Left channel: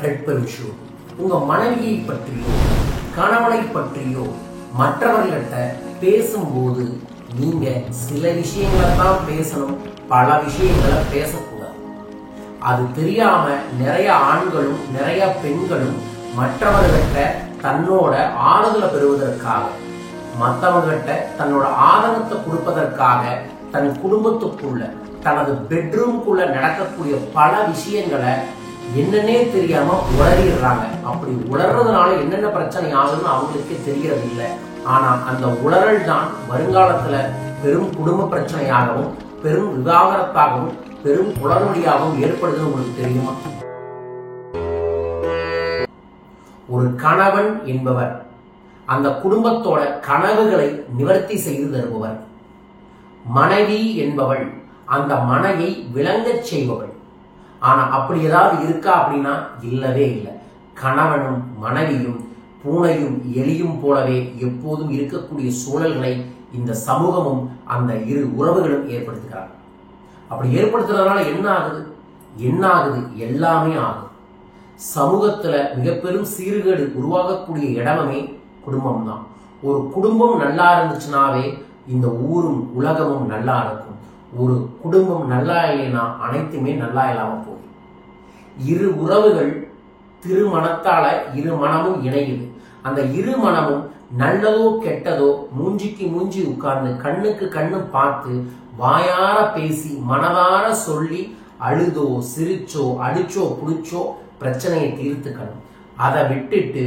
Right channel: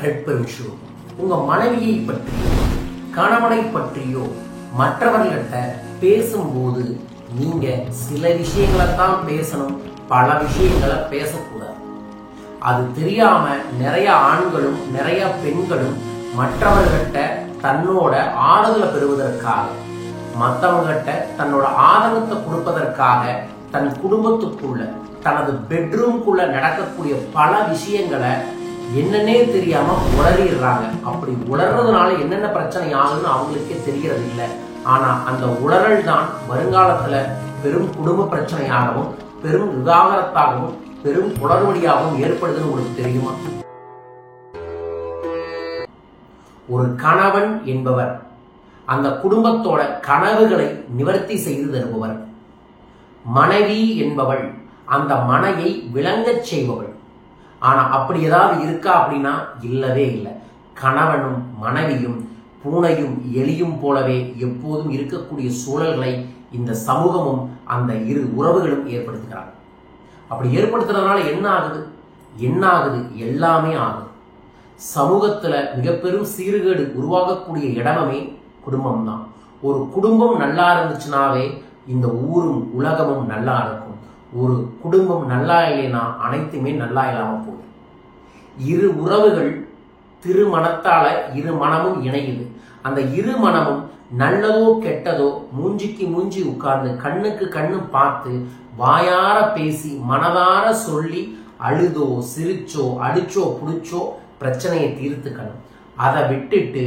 அருட்பெருஞ்சோ உங்க மனைவியை பற்றியோ கணவனை பற்றியோ மற்றவர்கிட்ட பேசும்போது நீங்க சில விஷயங்களை தான் பேசணும், பல விஷயங்களை பேசக்கூடாது. அது தெரியாம நிறைய ஆண்களும் நிறைய பெண்களும் மற்றவர்கிட்ட தன்னோட ஆறுதலை பெறுவதற்காக, மற்றவர்கிட்ட தன்னோட ஆதங்கத்தை கொடுப்பதற்காக தன் குடும்பத்துக்குள்ள தனது பெட்ரூம்குள்ள நடக்கக்கூடிய பல விஷயங்களை என்னன்னே தெரியாம உளறிடுறாங்க. அப்படி உளறதுனால என்னென்ன பிரச்சனை ஆகுதுன்னு அவங்களுக்கே தெரியறது இல்லை. ஆனா அந்த உளறல் தான் வருங்காலத்துல பெரும் குடும்ப பிரச்சனையாகவும் பெரும் விவாகரத்தாகவும் பெரும் குளறுபடியாகவும் ஏற்படுதுன்னு உங்களுக்கு தெரியுமா? ஒரு கணவன் என்பவர் அந்த குடும்பத்தோட கனவுகளை நிவர்த்தி செய்து தருபவர். மனைவி என்பவள் அந்த மனையை விளங்கச் செய்பவள். ஆனா அப்படி ஏதாவது இருக்கா அப்படின்னா இல்லவே இல்லை. கணவனும் மனைவியும் பூனையும் எலியும் போலவே எப்போதும் இருக்கக்கூடிய சூழல்களை இந்த சமூகமும் அந்த இரு உறவுகளும் ஏற்படுத்துகிறாங்க. அப்படி ஏற்படுத்துறதுனால என்ன ஆகுது? எல்லாமே ஆகுது. சமூகத்துல மிகப்பெரும் சீர்கேடு உருவாகக்கூடிய இடமே குடும்பம் தான். ஒரு குடும்பம் நல்லா இருந்துச்சுனாவே இந்த ஊரும் உலகமும் நல்லா இருக்கும். ஒரு குடும்பம் நல்லா இல்லைன்னா அனைத்துமே நல்லா இல்லாம போயிடும். இரு உறவுகள் திருமணத்தால இரு மனமும் இணையுது. அந்த இரு மனமும் நல்லதோ கெட்டதோ மூஞ்சிக்கு மூஞ்சி உட்கார்ந்து கண்ணுக்கு கண்ணு பார்த்து வாயார பேசி மனதார சொல்லி அழுதோ சிரிச்சோ அடிச்சோ புடிச்சோ பிரச்சனையை தீர்த்துக்கணும். அதை விட்டுட்டு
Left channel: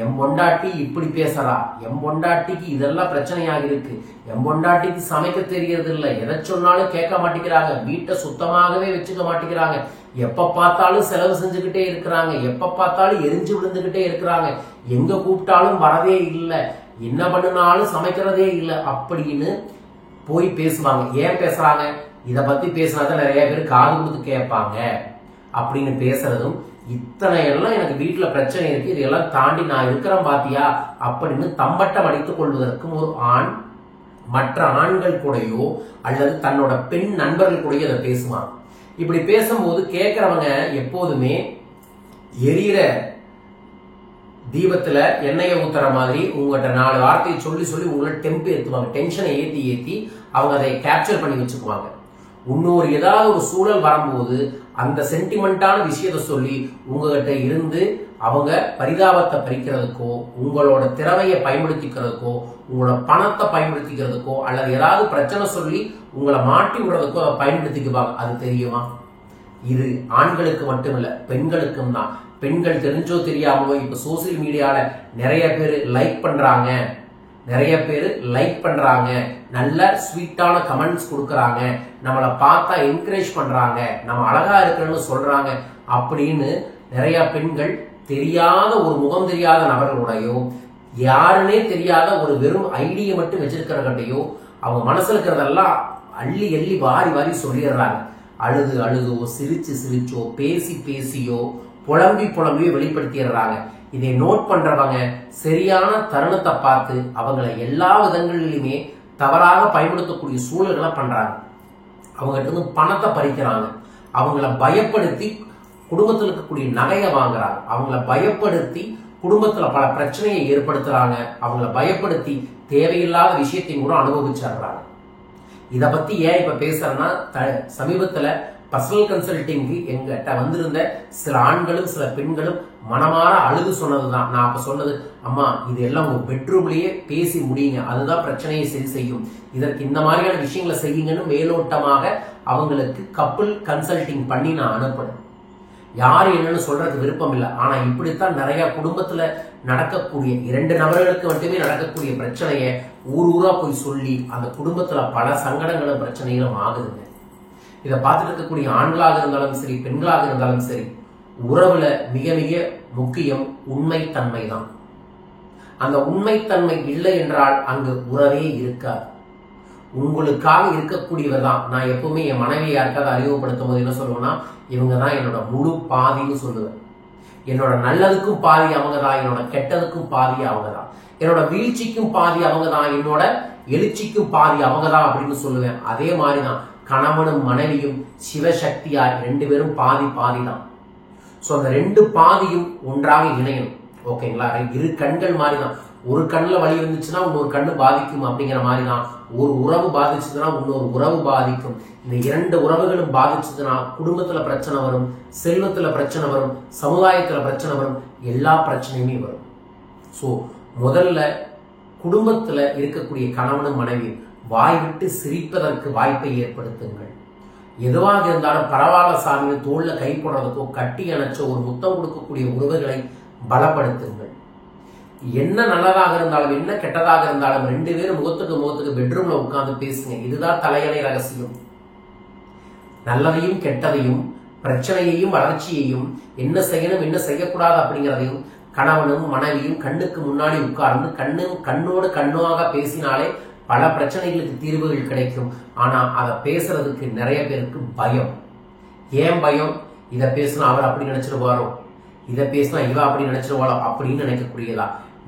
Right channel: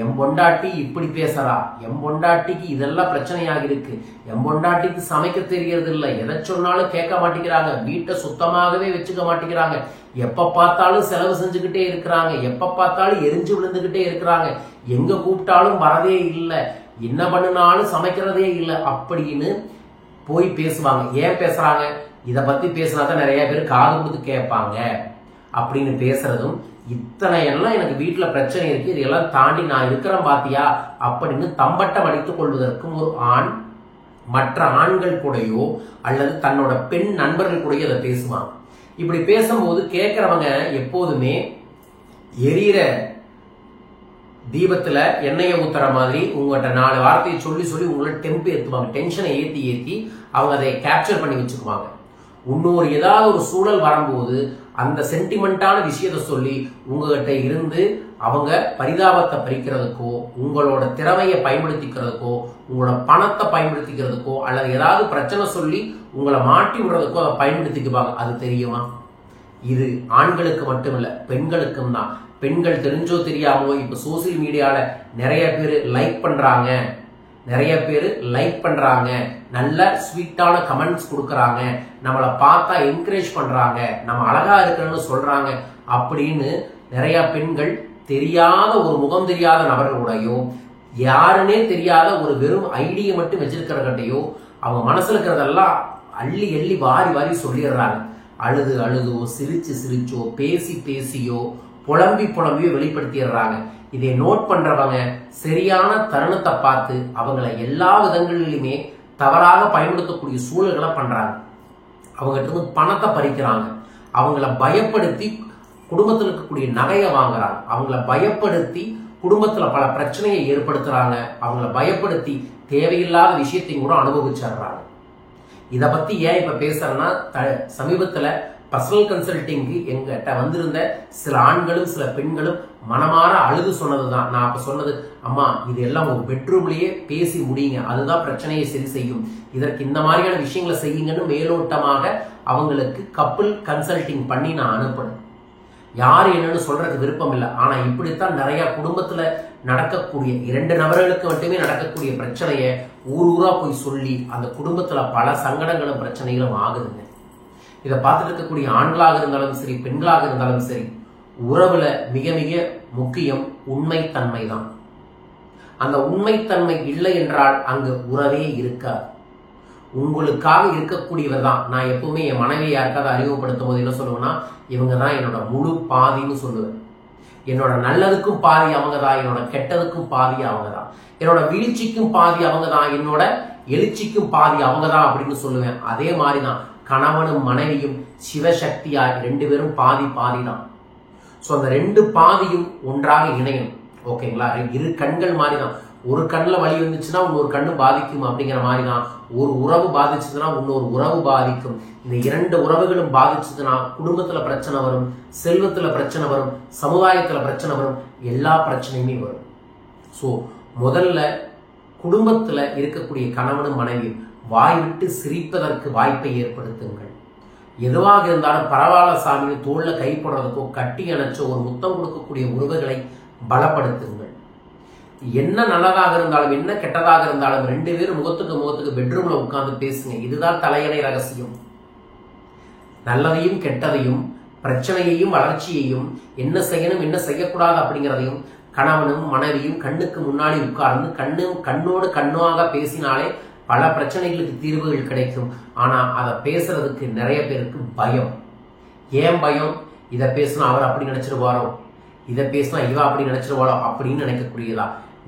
என் பொண்டாட்டி இப்படி பேசுறா, என் பொண்டாட்டிக்கு இதெல்லாம் பிரச்சனையாக இருக்கு, என் பொண்டாட்டிக்கு சமைக்க தெரியறது இல்லை, எதை சொன்னாலும் கேட்க மாட்டேங்கிறாங்க, வீட்டை சுத்தமாகவே வச்சுக்க மாட்டேங்கிறாங்க, எப்ப பார்த்தாலும் செலவு செஞ்சுக்கிட்டே இருக்கிறாங்க, எப்ப பார்த்தாலும் எரிஞ்சு விழுந்துகிட்டே இருக்கிறாங்க, எங்க கூப்பிட்டாலும் வரதே இல்லை, என்ன பண்ணினாலும் சமைக்கிறதே இல்லை அப்படின்னு போய் பேசுவாங்க. ஏன் பேசுறாங்க? இத பத்தி பேசினாதான் நிறைய பேர் காது கொடுத்து கேட்பாங்க அப்படின்னு பேசுறதும், இத்தனை எல்லாம் எனக்கு வீட்டுல பிரச்சனை இருக்கு, இதெல்லாம் தாண்டி நான் இருக்கிறேன் பாத்தியா அப்படின்னு தம்பட்டம் அடித்துக் கொள்வதற்கும் ஒரு ஆண் மற்ற ஆண்கள் கூடயோ அல்லது தன்னோட பெண் நண்பர்கள் கூடயோ அதை பேசுவாங்க. இப்படி பேசும்போது கேட்கிறவங்க எப்போதுமே எரியிற தீபத்துல எண்ணெயை ஊத்துற மாதிரி உங்கள்கிட்ட 4 வார்த்தையை சொல்லி சொல்லி உங்களை டெம்பு ஏத்துவாங்க. டென்ஷனை ஏத்தி அவங்க அதை கேப்சர் பண்ணி வச்சுக்குவாங்க. இன்னொரு ஏதாவது ஒரு சூழல் வரும்போது அந்த சென்டிமெண்டான விஷயத்த சொல்லி உங்ககிட்ட இருந்து அவங்க பரிதாபத்தை பறிக்கிறதுக்கோ உங்களோட திறமையை பயன்படுத்திக்கிறதுக்கோ உங்களோட பணத்தை பயன்படுத்திக்கிறதுக்கோ அல்லது ஏதாவது பிரச்சனை சொல்லி உங்களை மாட்டி விடுறதுக்கோ அதை பயன்படுத்திக்குவாங்க. அது தெரியுமா? இது ஆண்களுக்கு மட்டுமில்ல, பெண்களுக்கும் தான். பெண்கள் தெரிஞ்சோ தெரியாமோ இப்ப சோசியல் மீடியால நிறைய பேர் லைக் பண்றாங்க, நல்ல ஸ்வீட்டான கமெண்ட்ஸ் கொடுக்கறாங்க, நம்மளை பார்த்தா என்கரேஜ் பண்றாங்க, நம்ம அழகா இருக்கிறன்னு சொல்றாங்க அப்படின்னு நிறைய பெண்கள் தெரியாத ஒரு முகம் தெரியாத நபர்களுடையோ யாருன்னே தெரியாத ஒரு வெறும் ஐடியை மட்டும் வச்சிருக்கிறகிட்டையோ அவங்க மனசுல இருக்கிறதெல்லாம் அள்ளி அள்ளி வாரி வாரி சொல்லிடுறாங்க. அழுதோ சிரிச்சோ பேசியோ புலம்பியோ வெளிப்படுத்திடுறாங்க. இதை நோட் பண்றவங்க சரியான தருணத்தை பார்த்து அவங்களை எல்லா விதங்களிலுமே தவறாக பயன்படுத்தக்கூடிய சூழல்களை பண்றாங்க. அவங்ககிட்ட இருந்து பணத்தை பறிக்கிறாங்க, அவங்கள பயப்படுத்தி குடும்பத்தில் இருக்கக்கூடிய நகையை வாங்குறாங்க, அவங்கள பயப்படுத்தி குடும்பத்துல பல பிரச்சனையை ஏற்படுத்துறாங்க, அவங்கள பயப்படுத்தி தேவையில்லாத விஷயத்தையும் கூட அனுபவிச்சிடுறாங்க. இத பத்தி ஏன் இப்ப பேசுறேன்னா, சமீபத்துல பர்சனல் கன்சல்டிங்கு எங்கிட்ட வந்திருந்த சில ஆண்களும் சில பெண்களும் மனமாற அழுது சொன்னதுதான். நான் அப்ப சொன்னது, அம்மா இது எல்லாம் உங்க பெட்ரூம்லயே பேசி முடியுங்க, அதுதான் பிரச்சனையை சரி செய்யும், இதற்கு இந்த மாதிரியான விஷயங்களை செய்யுங்கன்னு மேலோட்டமாக அவங்களுக்கு கப்பிள் கன்சல்டிங் பண்ணி நான் அனுப்புனேன். யாரு என்னன்னு சொல்றதுக்கு விருப்பம் இல்லை. ஆனா இப்படித்தான் நிறைய குடும்பத்துல நடக்கக்கூடிய 2 நபர்களுக்கு மட்டுமே நடக்கக்கூடிய பிரச்சனைய ஊரா போய் சொல்லி அந்த குடும்பத்துல பல சங்கடங்களும் பிரச்சனைகளும் ஆகுதுங்க. இதை பார்த்துட்டு இருக்கக்கூடிய ஆண்களாக இருந்தாலும் சரி பெண்களாக இருந்தாலும் சரி, உறவுல மிக மிக முக்கியம் உண்மைத்தன்மை தான். அந்த உண்மைத்தன்மை இல்லை என்றால் அங்கு உறவே இருக்காது. உங்களுக்காக இருக்கக்கூடியவர் தான். நான் எப்பவுமே என் மனைவியை யாருக்காவது அறிமுகப்படுத்தும் போது என்ன சொல்லுவேன்னா, இவங்க தான் என்னோட முழு பாதின்னு சொல்லுவேன். என்னோட நல்லதுக்கும் பாதி அவங்க தான், என்னோட கெட்டதுக்கும் பாதி அவங்க தான், என்னோட வீழ்ச்சிக்கும் பாதி அவங்க தான், என்னோட எழுச்சிக்கும் பாதி அவங்க தான் அப்படின்னு சொல்லுவேன். அதே மாதிரிதான் கணவனும் மனைவியும் சிவசக்தியாய் 2 பேரும் பாதி தான். சோ அந்த ரெண்டு பாதியும் ஒன்றாக இணையணும். ஓகேங்களா? இரு கண்கள் மாதிரிதான். ஒரு கண்ணுல வலி இருந்துச்சுன்னா இன்னொரு கண்ணு பாதிக்கும் அப்படிங்கிற மாதிரிதான். ஒரு உறவு பாதிச்சதுன்னா இன்னொரு உறவு பாதிக்கும். இந்த இரண்டு உறவுகளும் பாதிச்சதுன்னா குடும்பத்துல பிரச்சனை வரும், செல்வத்துல பிரச்சனை வரும், சமுதாயத்துல பிரச்சனை வரும், எல்லா பிரச்சனையுமே வரும். சோ முதல்ல குடும்பத்துல இருக்கக்கூடிய கணவனும் மனைவி வாய் விட்டு சிரிப்பதற்கு வாய்ப்பை ஏற்படுத்துங்கள். எதுவாக இருந்தாலும் பரவாயில்ல சாமி தோல்ல கை போடுறதுக்கோ கட்டி அணைச்சோ ஒரு முத்தம் கொடுக்கக்கூடிய உறவுகளை பலப்படுத்துங்கள். என்ன நல்லதாக இருந்தாலும் என்ன கெட்டதாக இருந்தாலும் ரெண்டு பேரும் முகத்துக்கு பெட்ரூம்ல உட்கார்ந்து பேசுங்க. இதுதான் தலையணை ரகசியம். நல்லதையும் கெட்டதையும் பிரச்சனையையும் வளர்ச்சியையும் என்ன செய்யணும் என்ன செய்யக்கூடாது அப்படிங்கிறதையும் கணவனும் மனைவியும் கண்ணுக்கு முன்னாடி உட்கார்ந்து கண்ணோடு கண்ணாக பேசினாலே பல பிரச்சனைகளுக்கு தீர்வுகள் கிடைக்கும். ஆனா அதை பேசுறதுக்கு நிறைய பேருக்கு பயம். ஏன் பயம்? இதை பேசினா அவர் அப்படி நினைச்சிருவாரோ, இதை பேசினா இவ அப்படி நினைச்சிருவாளோ அப்படின்னு நினைக்கக்கூடியதா.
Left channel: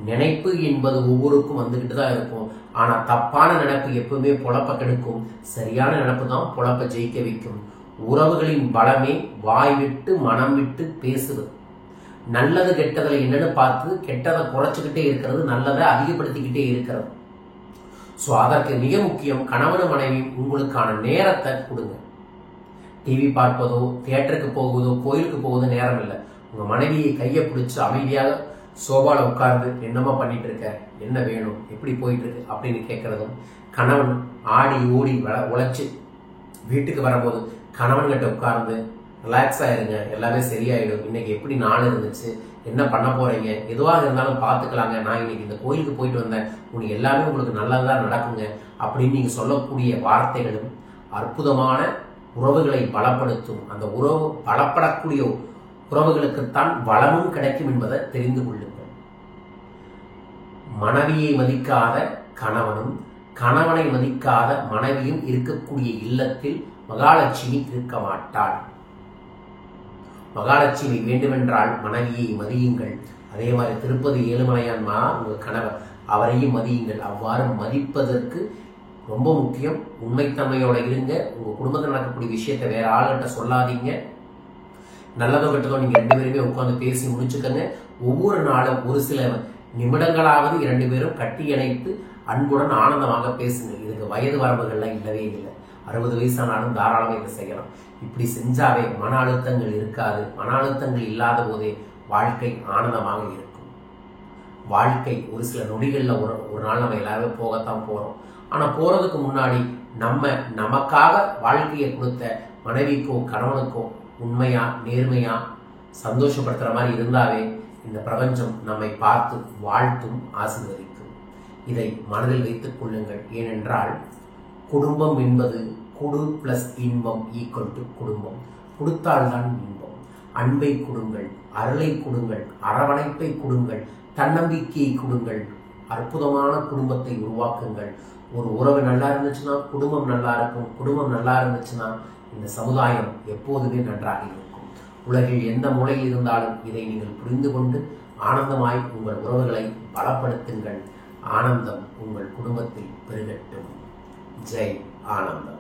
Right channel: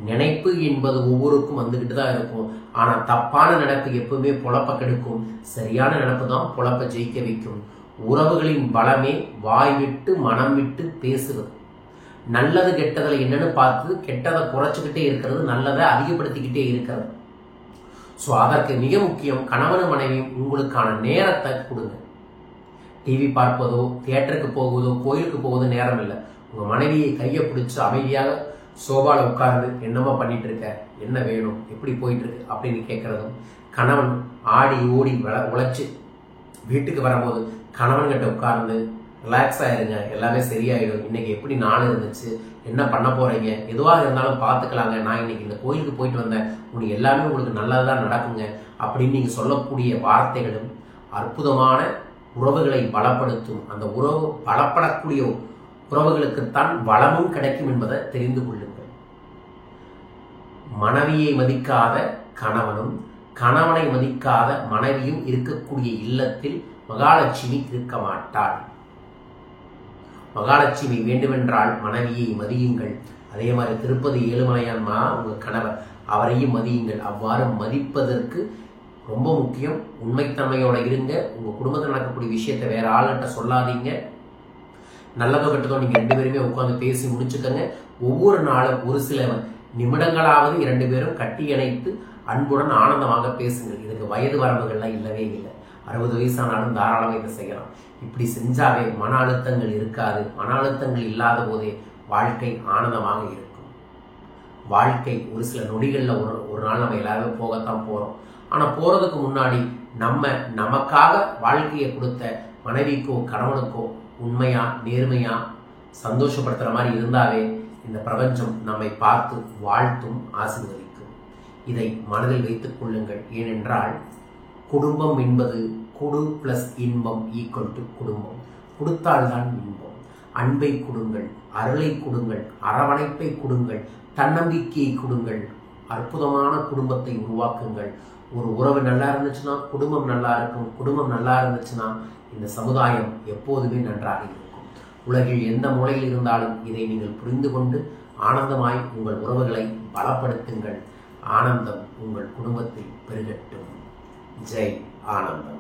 நினைப்பு என்பது ஒவ்வொருக்கும் வந்துகிட்டு தான் இருக்கும். ஆனா தப்பான நினைப்பு எப்பவுமே பொழப்ப கெடுக்கும். சரியான நினைப்பு தான் பொழப்ப ஜெயிக்க வைக்கும். உறவுகளின் பலமே வாய் விட்டு மனம் விட்டு பேசுவது. நல்லது கெட்டதுல என்னன்னு பார்த்து கெட்டதை குறைச்சுக்கிட்டே இருக்கிறது, நல்லதை அதிகப்படுத்திக்கிட்டே இருக்கிறது. சோ அதற்கு மிக முக்கியம் கணவனும் மனைவியும் உங்களுக்கான நேரத்தை கொடுங்க. டிவி பார்ப்பதோ தியேட்டருக்கு போவதோ கோயிலுக்கு போவதோ நேரம் இல்லை. உங்க மனைவியை கையை பிடிச்சு அமைதியாக சோபால உட்கார்ந்து என்னமா பண்ணிட்டு இருக்க, என்ன வேணும், எப்படி போயிட்டு இருக்கு அப்படின்னு கேட்கறதும், கணவன் ஆடி ஓடி உழைச்சு வீட்டுக்கு வரும்போது கணவன் கிட்ட உட்கார்ந்து ரிலாக்ஸ் ஆயிருங்க, எல்லாமே சரியாயிடும், இன்னைக்கு எப்படி நாள் இருந்துச்சு, என்ன பண்ண போறீங்க, எதுவாக இருந்தாலும் பாத்துக்கலாங்க, நான் இன்னைக்கு இந்த கோயிலுக்கு போயிட்டு வந்தேன், உங்களுக்கு எல்லாமே உங்களுக்கு நல்லதுதான் நடக்குங்க அப்படின்னு நீங்க சொல்லக்கூடிய வார்த்தைகளும் அற்புதமான உறவுகளை பலப்படுத்தும். அந்த உறவு பலப்படக்கூடிய உறவுகளுக்குத்தான் வளமும் கிடைக்கும் என்பதை தெரிந்து கொள்ளுங்கள். மனைவியை மதிக்காத கணவனும் கணவனை மதிக்காத மனைவியும் இருக்கக்கூடிய இல்லத்தில் மகாலட்சுமி இருக்க மாட்டாள். மகாலட்சுமி வேண்டுமென்றால் மனைவியை மதியுங்கள். அதே மாதிரி திருப்பதி ஏழுமலையான் உங்க கணவர், அவரையும் மதியுங்கள். அவ்வாறு மதிப்பதற்கு ரொம்ப முக்கியம். உண்மைத்தன்மையோட இருங்க. உங்க குடும்பத்தில் நடக்கக்கூடிய விஷயத்தை வேற ஆள்கிட்ட சொல்லாதீங்க. நல்லதோ கெட்டதோ நீங்க ரெண்டு பேருமே உட்கார்ந்து பேசி முடிச்சுக்கங்க. ஒவ்வொரு நாளும் ஒரு சில நிமிடங்களாவது இரண்டு பேரும் கட்டி இணைத்து அன்புடன் ஆனந்தமாக பேசுங்கள். இதுக்கு வயது வரம்புகள்லாம் இல்லவே இல்லை. 60 வயசானாலும் தாராளமாக இதை செய்யலாம். இப்படி செஞ்சாவே மன அழுத்தங்கள் இருக்காது. மன அழுத்தங்கள் இல்லாத போதே வாழ்க்கை ஆனந்தமாக இருக்கும். வாழ்க்கை ஒரு சில நொடிகள்ல ஒரு நாள் நம்ம எல்லாருமே போகத்தான் போறோம். ஆனா போறதுக்கு முன்னாடி நமக்காக வாழ்க்கையை கொடுத்த மனைவிக்கோ கணவனுக்கோ உண்மையா நேர்மையா சந்தோஷப்படுத்துற மாதிரி இருந்தாவே இந்த பிரபஞ்சம் நம்மை பார்த்து வாழ்த்தும் ஆசீர்வதிக்கும். இதை மனதில் வைத்துக் கொள்ளுங்கள். ஏனென்றால் குடும்பம் என்பது கொடு பிளஸ் இன்பம் ஈக்குவல் டு குடும்பம். கொடுத்தால்தான் இன்பம். அன்பை கொடுங்கள், அருளை கொடுங்கள், அரவணைப்பை கொடுங்கள், தன்னம்பிக்கையை கொடுங்கள். அற்புதமான குடும்பத்தை உருவாக்குங்கள். ஒரு உறவு நல்லா இருந்துச்சுன்னா குடும்பம் நல்லா இருக்கும். குடும்பம் நல்லா இருந்துச்சுன்னா இந்த சமுதாயம் எப்போதுமே நன்றாக இருக்கும். உலகில் எந்த மூலையில் இருந்தாலும் இதை நீங்கள் புரிந்து கொண்டு ஆனந்தமாய் உங்கள் உறவுகளை பலப்படுத்துங்கள். ஆனந்தம் உங்கள் குடும்பத்தில் பெருகட்டும். ஜெய் ஆனந்தம்.